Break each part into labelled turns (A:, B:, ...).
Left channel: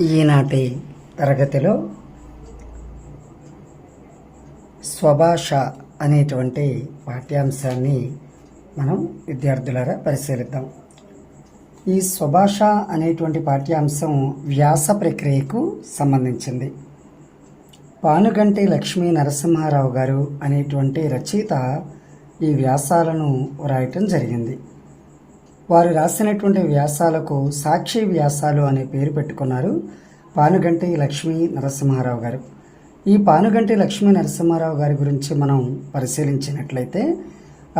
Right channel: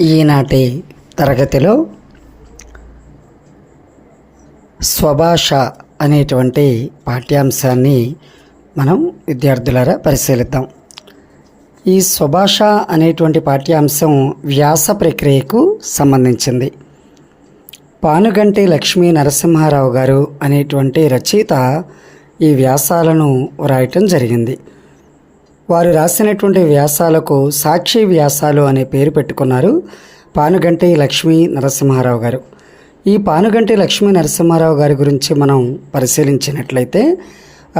A: ఈనాటి తరగతిలో స్వభాష అనేటువంటి పాఠ్యాంశాన్ని మనం విద్యార్థులారా పరిశీలిద్దాం. ఈ స్వభాష అనేటువంటి పాఠ్యాంశం వ్యాస ప్రక్రియకు సంబంధించింది. పానుగంటి లక్ష్మీ నరసింహారావు గారు అనేటువంటి రచయిత ఈ వ్యాసాలను వ్రాయటం జరిగింది. వారు రాసినటువంటి వ్యాసాలకు సాక్షి వ్యాసాలు అనే పేరు పెట్టుకున్నారు పానుగంటి లక్ష్మీ నరసింహారావు గారు. ఈ పానుగంటి లక్ష్మీ నరసింహారావు గారి గురించి మనం పరిశీలించినట్లయితే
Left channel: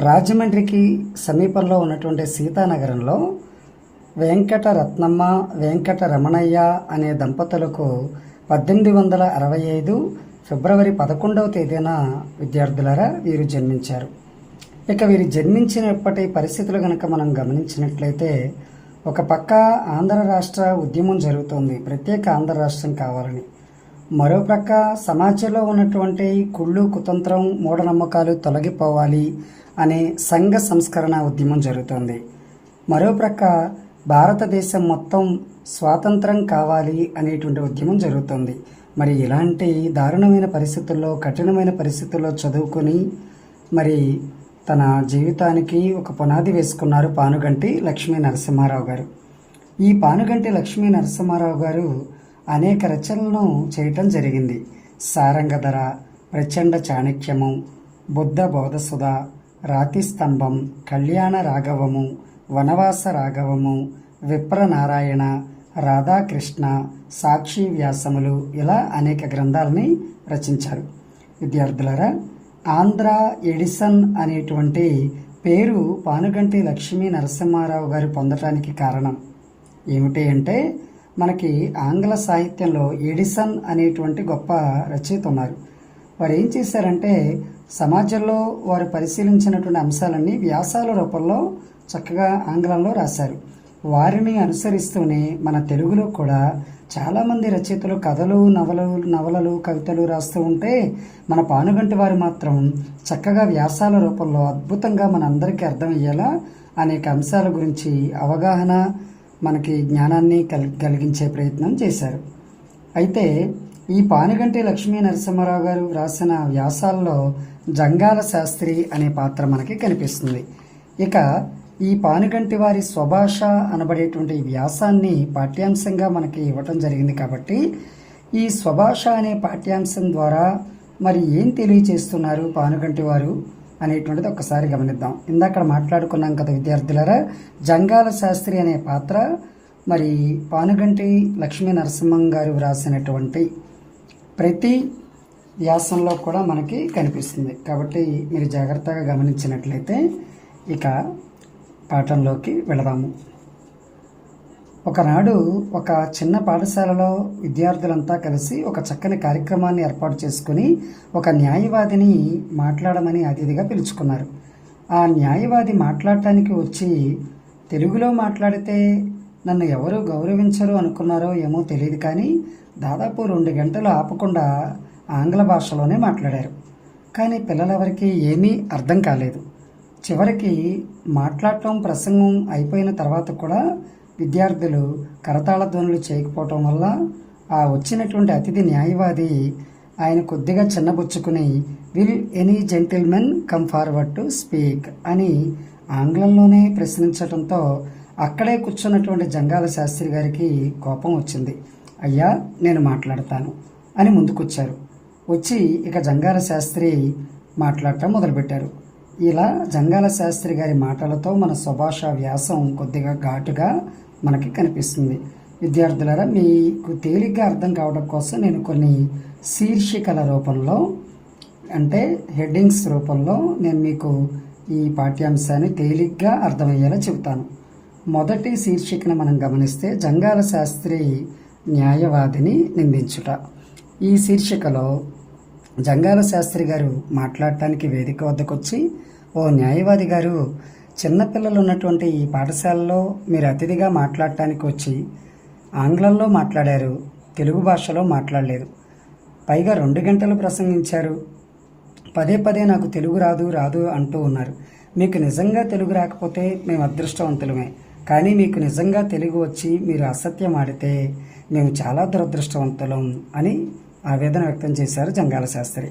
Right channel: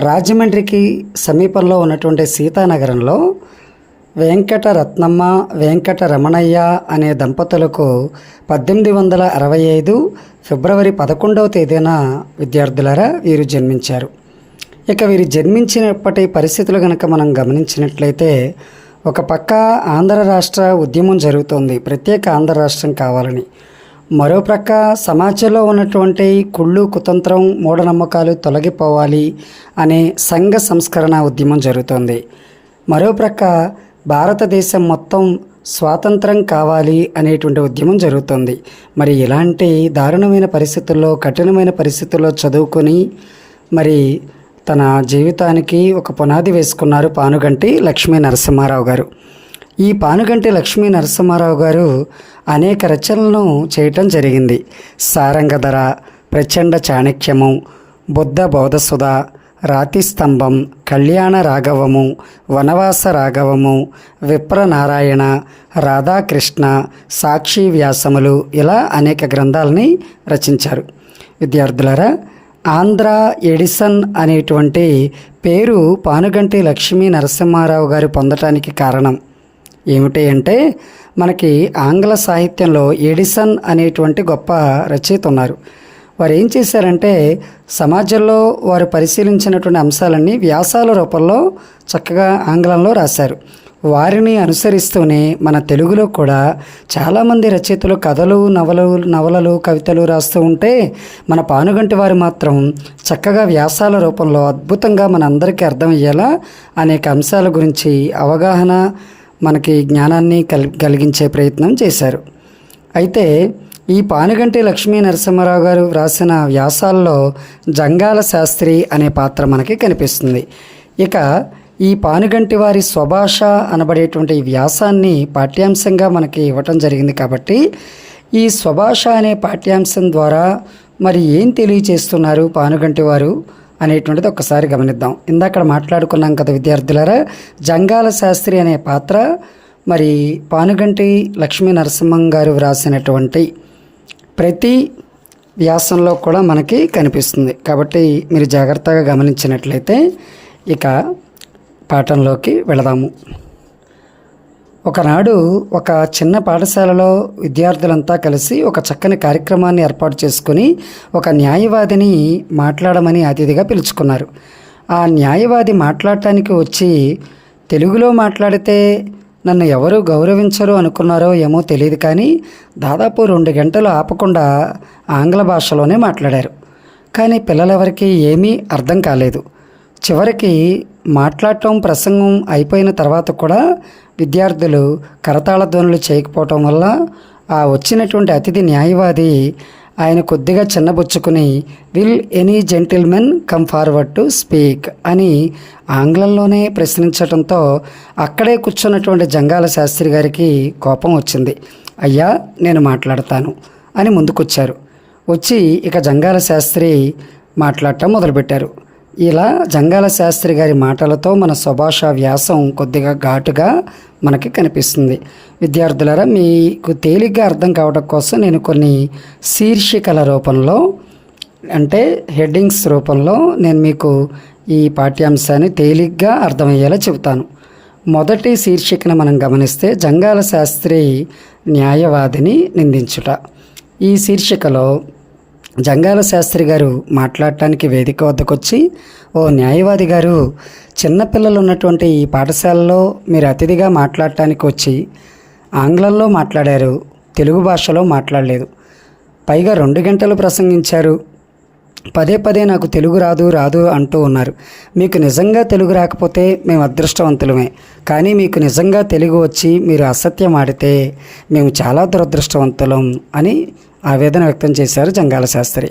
A: రాజమండ్రికి సమీపంలో ఉన్నటువంటి సీతానగరంలో వెంకట రత్నమ్మ వెంకట రమణయ్య అనే దంపతులకు పద్దెనిమిది వందల అరవై ఐదు ఫిబ్రవరి పదకొండవ తేదీన విద్యార్థులారా వీరు జన్మించారు. ఇక వీరు జన్మించినప్పటి పరిస్థితులు కనుక మనం గమనించినట్లయితే ఒక పక్క ఆంధ్ర రాష్ట్ర ఉద్యమం జరుగుతోంది ప్రత్యేక ఆంధ్ర రాష్ట్రం కావాలని. మరో ప్రక్క సమాజంలో ఉన్నటువంటి కుళ్ళు కుతంత్రం మూఢనమ్మకాలు తొలగిపోవాలి అనే సంఘ సంస్కరణ ఉద్యమం జరుగుతోంది. మరో ప్రక్క భారతదేశం మొత్తం స్వాతంత్రం కావాలి అనేటువంటి ఉద్యమం జరుగుతుంది. మరి ఇలాంటి దారుణమైన పరిస్థితుల్లో కఠినమైన పరిస్థితుల్లో చదువుకొని మరి తన జీవితానికి ఒక పునాది వేసుకున్నారు పానుగంటి లక్ష్మీ నరసింహారావు గారు. ఈ పానుగంటి లక్ష్మీ నరసింహారావు గారు అనేక రచనలను చేయటం జరిగింది. సారంగధర ప్రచండ చాణక్యము బుద్ధ బోధసుధ రాతి స్తంభం కళ్యాణ రాఘవము వనవాస రాఘవము విప్రనారాయణ రాధాకృష్ణ సాక్షి వ్యాసములు ఇలా అనేక గ్రంథాలని రచించారు. విద్యార్థులారా ఆంధ్ర ఎడిసన్ అనేటువంటి పేరు పానుగంటి లక్ష్మీ నరసింహారావు గారు పొందటానికి కారణం. ఏమిటి అంటే మనకి ఆంగ్ల సాహిత్యంలో ఎడిసన్ అనేటువంటి గొప్ప రచయిత ఉన్నారు. వారు ఏం చేశారంటే సమాజంలో వారు పరిశీలించినటువంటి అంశాలన్నీ వ్యాసాల రూపంలో చక్కగా ఆంగ్లంలో రాశారు. వారిని అనుసరిస్తూనే మన తెలుగులో కూడా చాలామంది రచయితలు కథలు నవలు నవలలు కవితలు రాస్తూ ఉంటే మన పానుగంటి వారు మాత్రం చక్కగా వ్యాసాల రూపంలో అద్భుతంగా మన అందరికీ అర్థమయ్యేలా అనేక అంశాల గురించి అవగాహన మనకి జ్ఞానాన్ని కల్ కలిగించే ప్రయత్నం చేశారు. అయితే ఈ పానుగంటి లక్ష్మీ నరసింహారావు గారు వ్రాసిన వ్యాసాల్లో జంగాల శాస్త్రి అనే పాత్ర మనకి కనిపిస్తుంది. ఇక ఈ పానుగంటి వారి స్వభాష అనబడేటువంటి వ్యాసాన్ని పాఠ్యాంశంగా మనకి ఇవ్వటం జరిగింది కాబట్టి ఈ స్వభాష అనే పాఠ్యాంశం ద్వారా మరి ఏం తెలియచేస్తున్నారు పానుగంటి వారు అనేటువంటిది ఒకసారి గమనిద్దాం. ఇందాక మాట్లాడుకున్నాం కదా విద్యార్థులారా జంగాల శాస్త్రి అనే పాత్ర మరి పానుగంటి లక్ష్మీ నరసింహం గారు వ్రాసినటువంటి ప్రతి వ్యాసంలో కూడా మనకి కనిపిస్తుంది. కాబట్టి మీరు జాగ్రత్తగా గమనించినట్లయితే ఇక పాఠంలోకి వెళదాము. ఒకనాడు ఒక చిన్న పాఠశాలలో విద్యార్థులంతా కలిసి ఒక చక్కని కార్యక్రమాన్ని ఏర్పాటు చేసుకుని ఒక న్యాయవాదిని మాట్లాడమని అతిథిగా పిలుచుకున్నారు. ఆ న్యాయవాది మాట్లాడటానికి వచ్చి తెలుగులో మాట్లాడితే నన్ను ఎవరు గౌరవించరు అనుకున్నారో ఏమో తెలియదు కానీ దాదాపు రెండు గంటలు ఆపకుండా ఆంగ్ల భాషలోనే మాట్లాడారు. కానీ పిల్లలెవరికి ఏమీ అర్థం కాలేదు. చివరికి మాట్లాడటం ప్రసంగం అయిపోయిన తర్వాత కూడా విద్యార్థులు కరతాళ ధ్వనులు చేయకపోవటం వల్ల ఆ వచ్చినటువంటి అతిథి న్యాయవాది ఆయన కొద్దిగా చిన్నబుచ్చుకుని will any gentlemen come forward to speak అని ఆంగ్లంలోనే ప్రశ్నించడంతో అక్కడే కూర్చున్నటువంటి జంగాల శాస్త్రి గారికి కోపం వచ్చింది. అయ్యా నేను మాట్లాడతాను అని ముందుకొచ్చారు. వచ్చి ఇక జంగాల శాస్త్రి మాట్లాడటం మొదలుపెట్టారు. ఇలా జంగాల శాస్త్రి గారి మాటలతో మన సుభాష వ్యాసం కొద్దిగా ఘాటుగా మనకి కనిపిస్తుంది. విద్యార్థులారా మీకు తేలిగ్గా అర్థం కావడం కోసం నేను కొన్ని శీర్షికల రూపంలో అంటే హెడ్డింగ్స్ రూపంలో నేను మీకు ఈ పాఠ్యాంశాన్ని తేలిగ్గా అర్థమయ్యేలా చెబుతాను. మొదటి శీర్షికను మనం గమనిస్తే జంగాల శాస్త్రి న్యాయవాదిని నిందించుట. ఈ శీర్షికలో జంగాల శాస్త్రి గారు మాట్లాడటానికి వేదిక వద్దకొచ్చి ఓ న్యాయవాది గారు చిన్నపిల్లలు ఉన్నటువంటి ఈ పాఠశాలలో మీరు అతిథిగా మాట్లాడటానికి వచ్చి ఆంగ్లంలో మాట్లాడారు తెలుగు భాషలో మాట్లాడలేదు. పైగా రెండు గంటలు ప్రసంగించారు. పదే పదే నాకు తెలుగు రాదు రాదు అంటూ ఉన్నారు. మీకు నిజంగా తెలుగు రాకపోతే మేము అదృష్టవంతులమే. కానీ మీకు నిజంగా తెలుగు వచ్చి మీరు అసత్యం ఆడితే మేము చాలా దురదృష్టవంతులం అని ఆవేదన వ్యక్తం చేశారు జంగాల శాస్త్రి.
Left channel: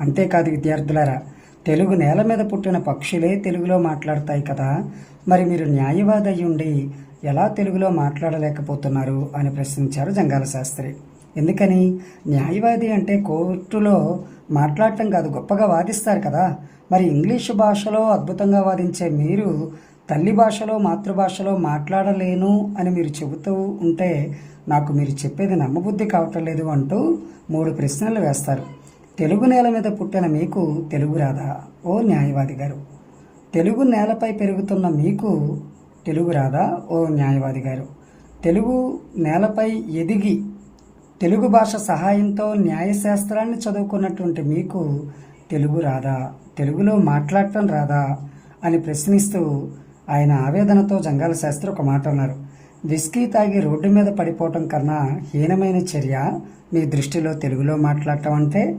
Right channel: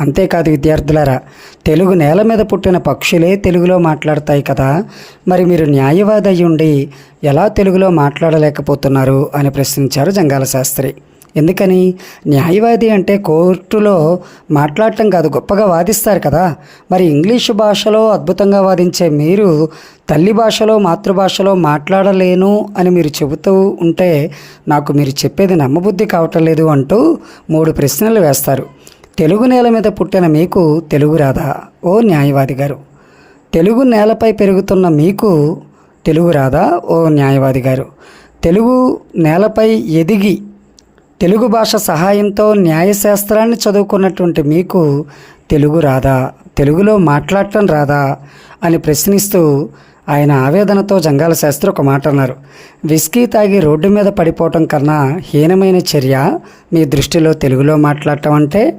A: అంతేకాదు విద్యార్థులారా తెలుగు నేల మీద పుట్టిన పక్షులే తెలుగులో మాట్లాడతాయి కదా. మరి మీరు న్యాయవాది ఉండి ఎలా తెలుగులో మాట్లాడలేకపోతున్నారు అని ప్రశ్నించారు జంగాల శాస్త్రి. ఎందుకని? న్యాయవాది అంటే కోర్టులో మాట్లాడటం కాదు గొప్పగా వాదిస్తారు కదా. మరి ఇంగ్లీషు భాషలో అద్భుతంగా వాదించే మీరు తల్లి భాషలో మాతృభాషలో మాట్లాడలేను అని మీరు చెబుతూ ఉంటే నాకు మీరు చెప్పేది నమ్మబుద్ధి కావటం లేదు అంటూ మూడు ప్రశ్నలు వేస్తారు. తెలుగు నేల మీద పుట్టిన మీకు తెలుగు రాదా ఓ న్యాయవాది గారు? తెలుగు నేలపై పెరుగుతున్న మీకు తెలుగు రాదా ఓ న్యాయవాది గారు? తెలుగు నేలపై ఎదిగి తెలుగు భాష సహాయంతో న్యాయశాస్త్రాన్ని చదువుకున్నటువంటి మీకు తెలుగు రాదా తెలుగులో మాట్లాడటం రాదా అని ప్రశ్నిస్తూ ఆయన ఆవేదనతో జంగాల శాస్త్రి ఒక మాట అన్నారు. విస్కీ తాగి రోడ్డు మీద పడిపోవటం కన్నా హీనమైన చర్య మీ దృష్టిలో తెలుగులో మాట్లాడటం అంటే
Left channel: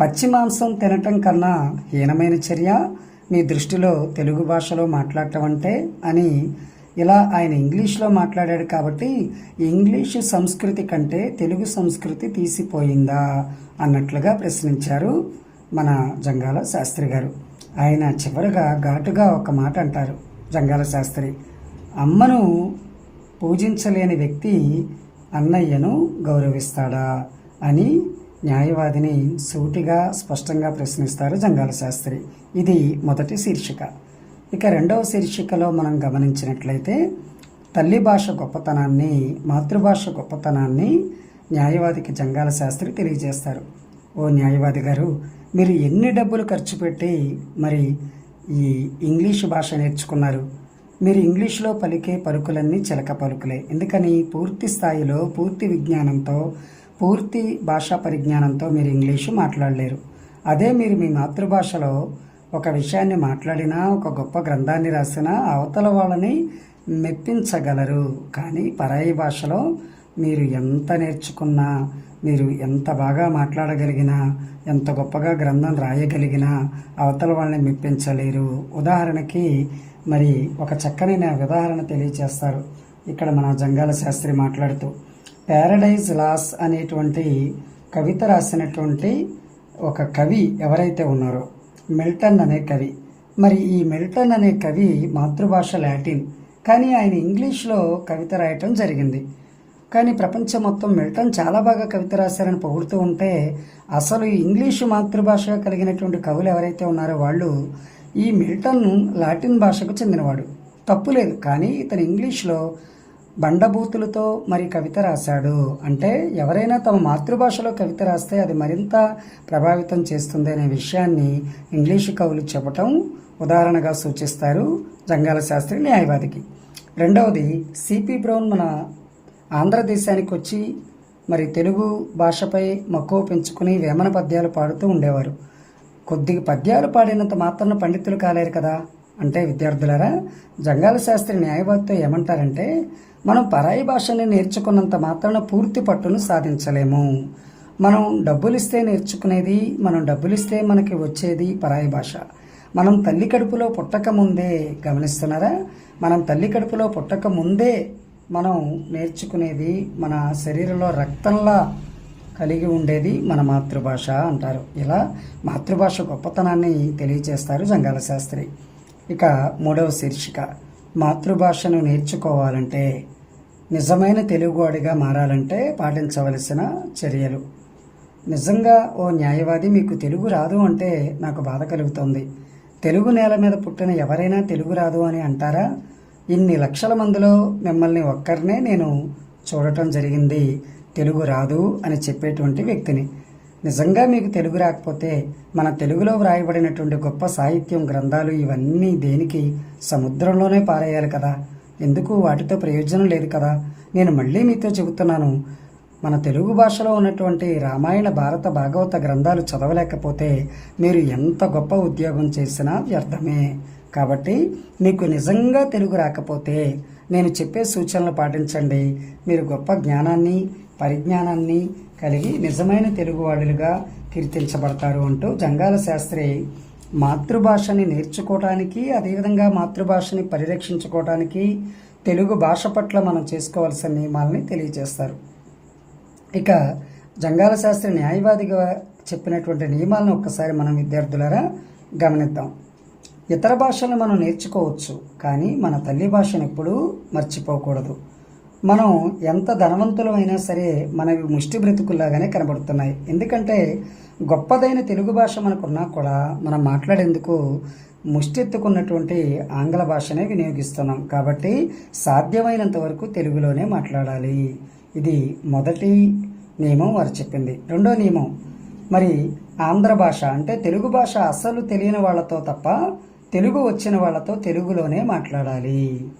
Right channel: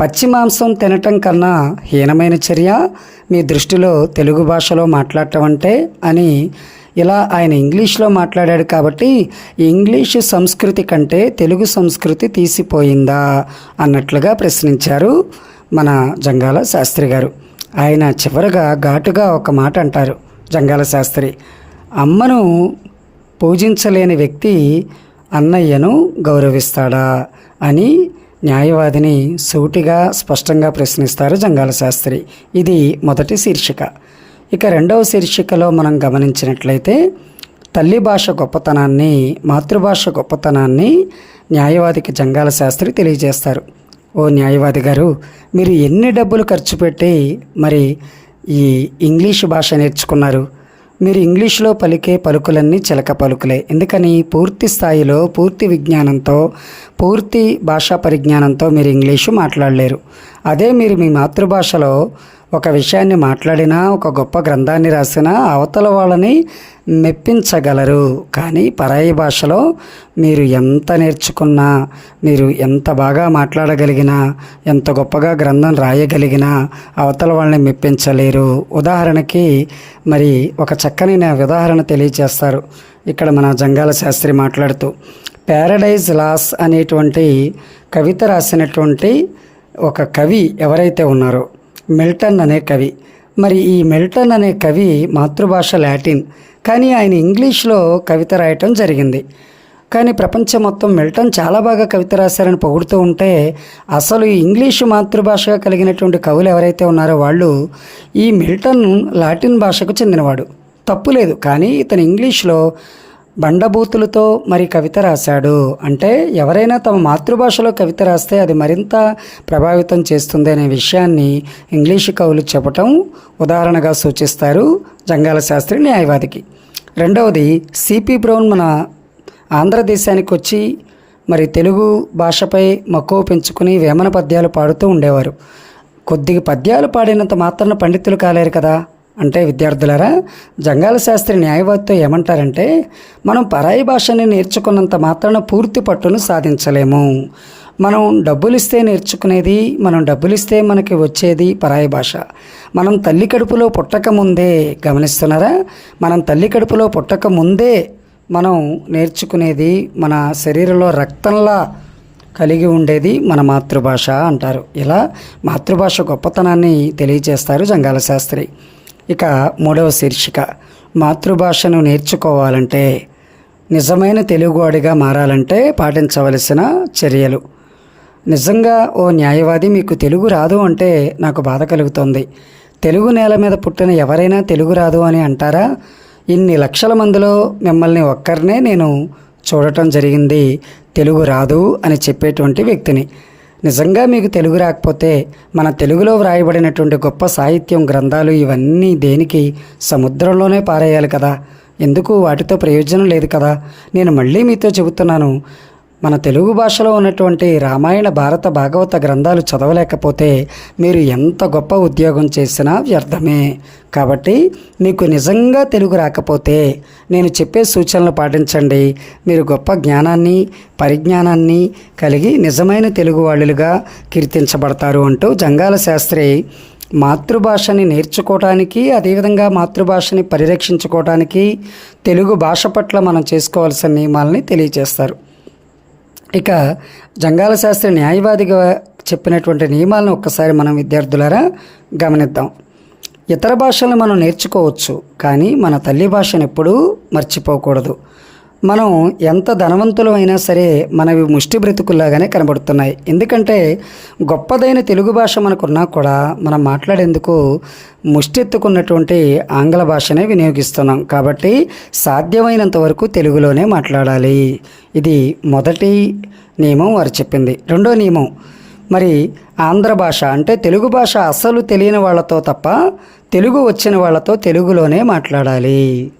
A: పచ్చి మాంసం తినటం కన్నా హీనమైన చర్య మీ దృష్టిలో తెలుగు భాషలో మాట్లాడటం అంటే అని ఇలా ఆయన ఇంగ్లీష్లో మాట్లాడాడు కాబట్టి ఇంగ్లీష్ సంస్కృతి కంటే తెలుగు సంస్కృతి తీసిపోయిందా అన్నట్లుగా ప్రశ్నించారు మన జంగాల శాస్త్రి గారు. ఆయన చివరగా ఘాటుగా ఒక మాట అంటారు జంగాల శాస్త్రి. అమ్మను పూజించలేని వ్యక్తి అన్నయ్యను గౌరవిస్తాడా అని న్యాయవాదిని సూటిగా స్పష్టంగా ప్రశ్నిస్తారు జంగాల శాస్త్రి. ఇది మొదటి శీర్షిక. ఇక రెండవ శీర్షికలో మనం గమనించినట్లయితే తల్లి భాష గొప్పతనాన్ని మాతృభాష గొప్పతనాన్ని న్యాయవాదికి జంగాల శాస్త్రి తెలియజేస్తారు. ఓ న్యాయవాది గారు మీరు ఎన్ని డబ్బులు ఖర్చు పెట్టి మరి ఈ ఇంగ్లీష్ భాష నేర్చుకున్నారు? మీరు ఇంగ్లీష్లో పలికే పలుకులన్నీ చిలక పలుకులే. ఎందుకని? పూర్తి స్థాయిలో పూర్తి విజ్ఞానంతో పూర్తి భాషా పరిజ్ఞానంతో మీరు ఇంగ్లీషు మాట్లాడలేరు. అదే మీరు మీ మాతృభాషలో ఒక విషయాన్ని మాట్లాడినా ఒక గొప్ప గ్రంథాన్ని రాసినా అవతల వాళ్ళని మెప్పించగలరు. కానీ పరాయి భాషలో మీరు ఎంత నేర్చుకున్నా మీరు ఎంత బాగా మాట్లాడగలిగినా ఎంత గొప్పగా గ్రంథం రాయగలిగినా అవతల వాళ్ళని మెప్పించలేరు. ఉదాహరణకి మరి ఒక చక్కని నా ఉదాహరణ తెలియచేస్తారు. ఇక్కడ మన జంగాల శాస్త్రి మాట్లాడుతూ ప్యారడైజ్ లాస్ అనేటువంటి కవిత రాసినటువంటి ఒక కవి ఎవరైతే ఉన్నారో మిల్టన్ అనే కవి. మరి ఈ మిల్టన్ అనే కవి మాతృభాష లాటిన్. కానీ ఆయన ఇంగ్లీష్లో కవిత రాయటం జరిగింది. కానీ ప్రపంచం మొత్తం మిల్టన్ చాలా బాగా కవిత రాశారని పొగుడుతూ ఉంటే అసలు ఇంగ్లీషు మాతృభాషగా కలిగినటువంటి కవులు ఎవరైతే ఉన్నారో వాళ్ళు ఈ మిల్టన్ లాటిన్ భాషకు చెందినవాడు. తప్పు లేదు. కానీ ఇతను ఇంగ్లీష్లో బండబూతులతో మరి కవిత రాశాడు. అంటే ఎవరైనా తమ మాతృభాషలో కవిత రాస్తే అది మరింత ప్రభావితం చేస్తుంది అనే విషయాన్ని ఇంగ్లీషు కవులు చెప్పటం ఉదాహరణగా సూచిస్తారు జంగాల శాస్త్రి న్యాయవాదికి. రెండవది సిపి బ్రౌన్ మన ఆంధ్రదేశానికి వచ్చి మరి తెలుగు భాషపై మక్కువ పెంచుకుని వేమన పద్యాలు పాడుతూ ఉండేవారు. కొద్దిగా పద్యాలు పాడినంత మాత్రాన పండితులు కాలేరు కదా. అంటే విద్యార్థులారా జంగాల శాస్త్రి న్యాయవాదితో ఏమంటారంటే మనం పరాయి భాషని నేర్చుకున్నంత మాత్రాన పూర్తి పట్టును సాధించలేము. మనం డబ్బులు ఇస్తే నేర్చుకునేది మనం డబ్బులు ఇస్తే మనకి వచ్చేది పరాయి భాష. మనం తల్లి కడుపులో పుట్టక ముందే గమనిస్తున్నారా? మనం తల్లి కడుపులో పుట్టక ముందే మనం నేర్చుకునేది మన శరీరంలో రక్తంలా కలిగి ఉండేది మన మాతృభాష అంటారు. ఇలా మాతృభాష గొప్పతనాన్ని తెలియజేస్తారు జంగాల శాస్త్రి. ఇక మూడవ శీర్షిక మాతృభాషను నేర్చుకోవాలంటే నిజమైన తెలుగువాడిగా మారాలంటే పాటించవలసిన చర్యలు. నిజంగా ఓ న్యాయవాది మీకు తెలుగు రాదు అంటే నాకు బాధ కలుగుతోంది. తెలుగు నేల మీద పుట్టిన ఎవరైనా తెలుగు రాదు అని అంటారా? ఇన్ని లక్షల మందిలో మిమ్మల్ని ఒక్కరినే నేను చూడటం జరిగింది తెలుగు రాదు అని చెప్పేటువంటి వ్యక్తిని. నిజంగా మీకు తెలుగు రాకపోతే మన తెలుగులో వ్రాయబడినటువంటి గొప్ప సాహిత్యం గ్రంథాలు ఇవన్నీ దేనికి? సముద్రంలోనే పారేయాలి కదా. ఎందుకు? వాటితో ప్రయోజనం లేదు కదా. నేను మళ్ళీ మీతో చెబుతున్నాను. మన తెలుగు భాషలో ఉన్నటువంటి రామాయణ భారత భాగవత గ్రంథాలు చదవలేకపోతే మీరు ఎంత గొప్ప ఉద్యోగం చేసినా వ్యర్థమే. కాబట్టి మీకు నిజంగా తెలుగు రాకపోతే నేను చెప్పే సూచనలు పాటించండి. మీరు గొప్ప జ్ఞానాన్ని పరిజ్ఞానాన్ని కలిగి నిజమైన తెలుగు వాళ్ళుగా కీర్తించబడతారు అంటూ జంగాల శాస్త్రి మాతృభాషని నేర్చుకోవటానికి అదేవిధంగా మాతృభాషని పరిరక్షించుకోవటానికి తెలుగు భాష పట్ల మనం చేసుకోవాల్సిన నియమాలని తెలియజేస్తారు. ఇక జంగాల శాస్త్రి న్యాయవాదిగా చెప్పినటువంటి నియమాలను ఒక్కసారి మనం విద్యార్థులారా గమనిద్దాం. ఇతర భాషలను మనం నేర్చుకోవచ్చు కానీ మన తల్లి భాషను ఎప్పుడూ మర్చిపోకూడదు. మనం ఎంత ధనవంతులు అయినా సరే మనవి ముష్టి బ్రతుకుల్లాగానే కనబడుతున్నాయి. ఎందుకంటే గొప్పదైన తెలుగు భాష మనకున్నా కూడా మనం మాట్లాడేందుకు ముష్టెత్తుకున్నటువంటి ఆంగ్ల భాషనే వినియోగిస్తున్నాం. కాబట్టి సాధ్యమైనంత వరకు తెలుగులోనే మాట్లాడాలి. ఇది మొదటి నియమం వారు చెప్పింది. రెండో నియమం మరి ఆంధ్ర భాష అంటే తెలుగు భాష అసలు తెలియని వాళ్ళతో తప్ప తెలుగు వచ్చిన వాళ్ళతో తెలుగులోనే మాట్లాడాలి.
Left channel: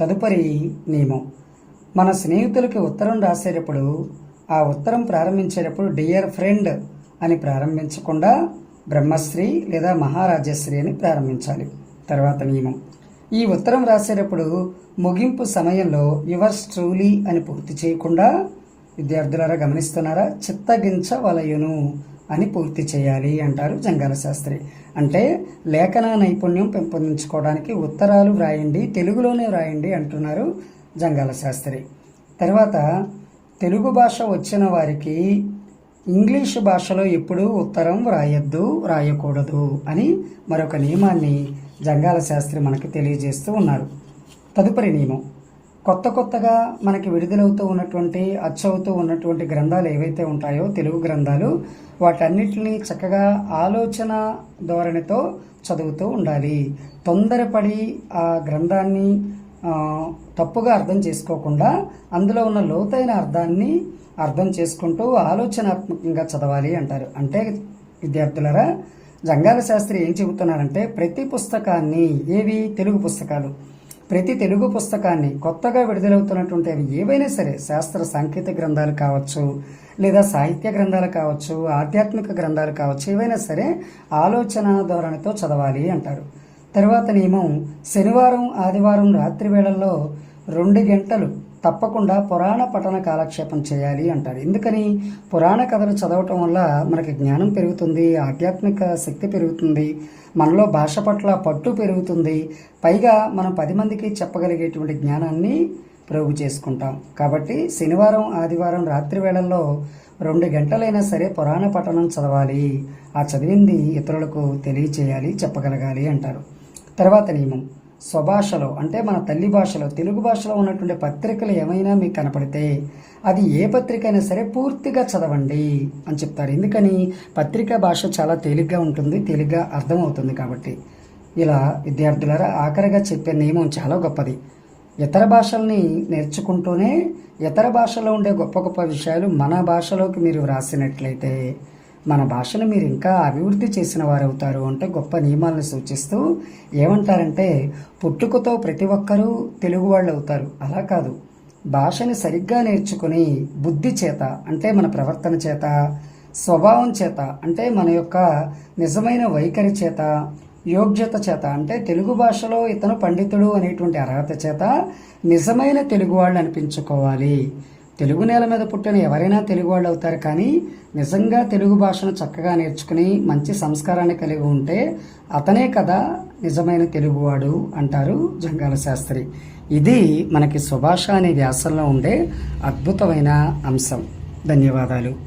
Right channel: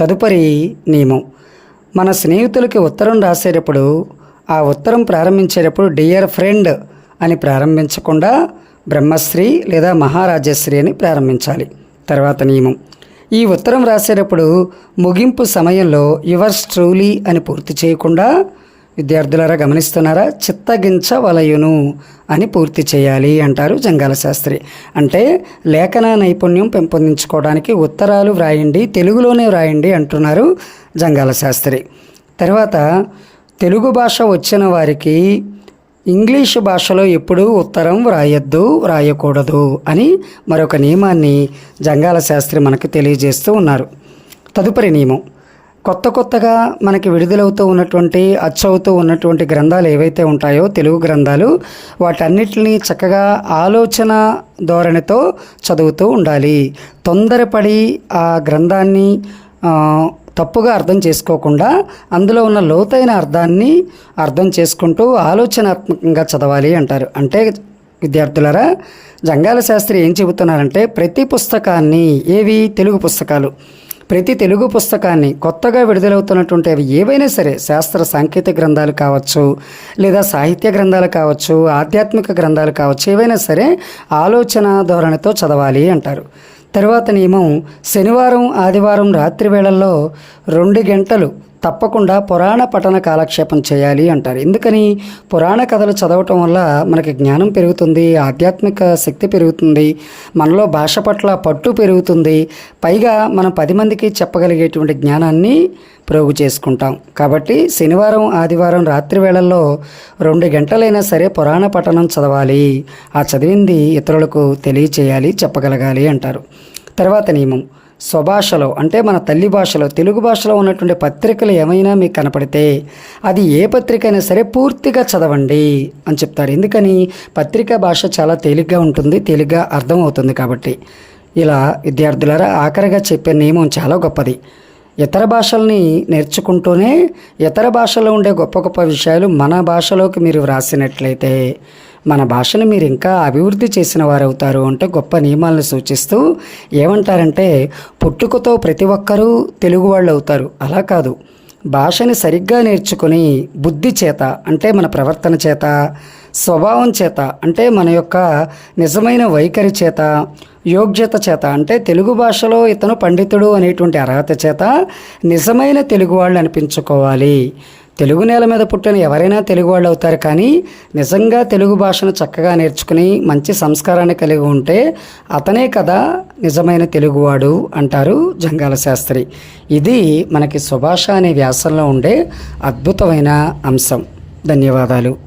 A: తదుపరి నియమం మన స్నేహితులకి ఉత్తరం రాసేటప్పుడు ఆ ఉత్తరం ప్రారంభించేటప్పుడు డియర్ ఫ్రెండ్ అని ప్రారంభించకుండా బ్రహ్మశ్రీ లేదా మహారాజశ్రీ అని ప్రారంభించాలి. తర్వాత నియమం. ఈ ఉత్తరం రాసేటప్పుడు ముగింపు సమయంలో యువర్స్ ట్రూలీ అని పూర్తి చేయకుండా విద్యార్థులారా గమనిస్తున్నారా? చిత్తగించవలయును అని పూర్తి చేయాలి అంటారు జంగాల శాస్త్రి. అంటే లేఖన నైపుణ్యం పెంపొందించుకోవడానికి ఉత్తరాలు వ్రాయండి తెలుగులోనే వ్రాయండి అంటున్నారు జంగాల శాస్త్రి. తర్వాత తెలుగు భాష వచ్చిన వారికి ఇంగ్లీషు భాషలో ఎప్పుడూ ఉత్తరం వ్రాయొద్దు వ్రాయకూడదు అని మరొక నియమాన్ని జంగాల శాస్త్రి మనకు తెలియజేస్తూ ఉన్నారు. తదుపరి నియమం. కొత్త కొత్తగా మనకి విడుదలవుతూ ఉన్నటువంటి అచ్చవుతూ ఉన్నటువంటి గ్రంథాలు ఏవైతే ఉంటాయో తెలుగు గ్రంథాలు వాటన్నిటిని చక్కగా ఆలోచన ధోరణితో చదువుతూ ఉండాలి. తొందరపడి ఆ గ్రంథాన్ని తప్పుగా అర్థం చేసుకోకుండా అందులో ఉన్న లోతైన అర్థాన్ని అర్థం చేసుకుంటూ ఆలోచనాత్మకంగా చదవాలి అంటారు. అంటే విద్యార్థులారా జంగాల శాస్త్రి ఏం చెబుతున్నారంటే ప్రతి పుస్తకాన్ని ఏవి? తెలుగు పుస్తకాలు. ప్రతి తెలుగు పుస్తకాన్ని కొత్తగా విడుదలవుతున్నటువంటి అవి ఏవైనా సరే శాస్త్ర సాంకేతిక గ్రంథాలు కావచ్చు లేదా సాహిత్య గ్రంథాలు కావచ్చు ఆధ్యాత్మిక గ్రంథాలు కావచ్చు ఏవైనా సరే ఆలోచన ధోరణితో చదవాలి అంటారు. తరువాత నియమం శనివారం ఆదివారం రాత్రి వేళల్లో రెండు గంటలు. తప్పకుండా పురాణ పఠన కాలక్షేపం చేయాలి అంటారు. ఎందుకని? పురాణ కథలు చదవటం వల్ల మనకి జ్ఞానం పెరుగుతుంది ఆధ్యాత్మిక శక్తి పెరుగుతుంది మనలో భాష పట్ల పట్టు పెరుగుతుంది పైగా మనం పది మందికి చెప్పగలిగేటువంటి జ్ఞానాన్ని ప్రోగు చేసుకుంటాం. కాబట్టి శనివారం ఆదివారం రాత్రి వేళల్లో రెండు గంటలైనా సరే పురాణ పఠనం చదవాలి. ఆ చదివింది ఇతరులకు తెలియచేయాలి చెప్పగలగాలి అంటారు. తర్వాత నియమం. స్వభాషలో అంటే మన తల్లి భాషలో తెలుగు భాషలో ఉన్నటువంటి పత్రికలు ఏమైనా మీకు కనపడితే అది ఏ పత్రిక అయినా సరే పూర్తిగా చదవండి అని చెప్తారు. ఎందుకని? పత్రికా భాష చాలా తేలిగ్గా ఉంటుంది తేలిగ్గా అర్థమవుతుంది కాబట్టి. ఇలా విద్యార్థులారా ఆఖరిగా చెప్పే నియమం చాలా గొప్పది. ఇతర భాషల్ని నేర్చుకుంటూనే ఇతర భాషలో ఉండే గొప్ప గొప్ప విషయాలు మన భాషలోకి మీరు వ్రాసినట్లయితే మన భాషను మీరు ఇంకా అభివృద్ధి చేసిన వారు అవుతారు అంటే గొప్ప నియమాలను సూచిస్తూ ఏమంటారంటే పుట్టుకతో ప్రతి ఒక్కరూ తెలుగు వాళ్ళు అవుతారు అలా కాదు. భాషని సరిగ్గా నేర్చుకుని బుద్ధి చేత అంటే మన ప్రవర్తన చేత స్వభావం చేత అంటే మన యొక్క నిజమైన వైఖరి చేత యోగ్యత చేత అంటే తెలుగు భాషలో ఇతను పండితుడు అనేటువంటి అర్హత చేత నిజమైన తెలుగు వాళ్ళు అనిపించుకోవాలి. తెలుగు నేల మీద పుట్టిన ఎవరైనా తెలుగు వాళ్ళు అవుతారు కానీ నిజంగా తెలుగు భాషను చక్కగా నేర్చుకుని మంచి సంస్కారాన్ని కలిగి ఉంటే అతనే కదా నిజమైన తెలుగువాడు అంటారు జంగాల శాస్త్రి. ఇది మనకి సుభాష అనే వ్యాసంలో ఉండే అద్భుతమైన అంశం. ధన్యవాదాలు.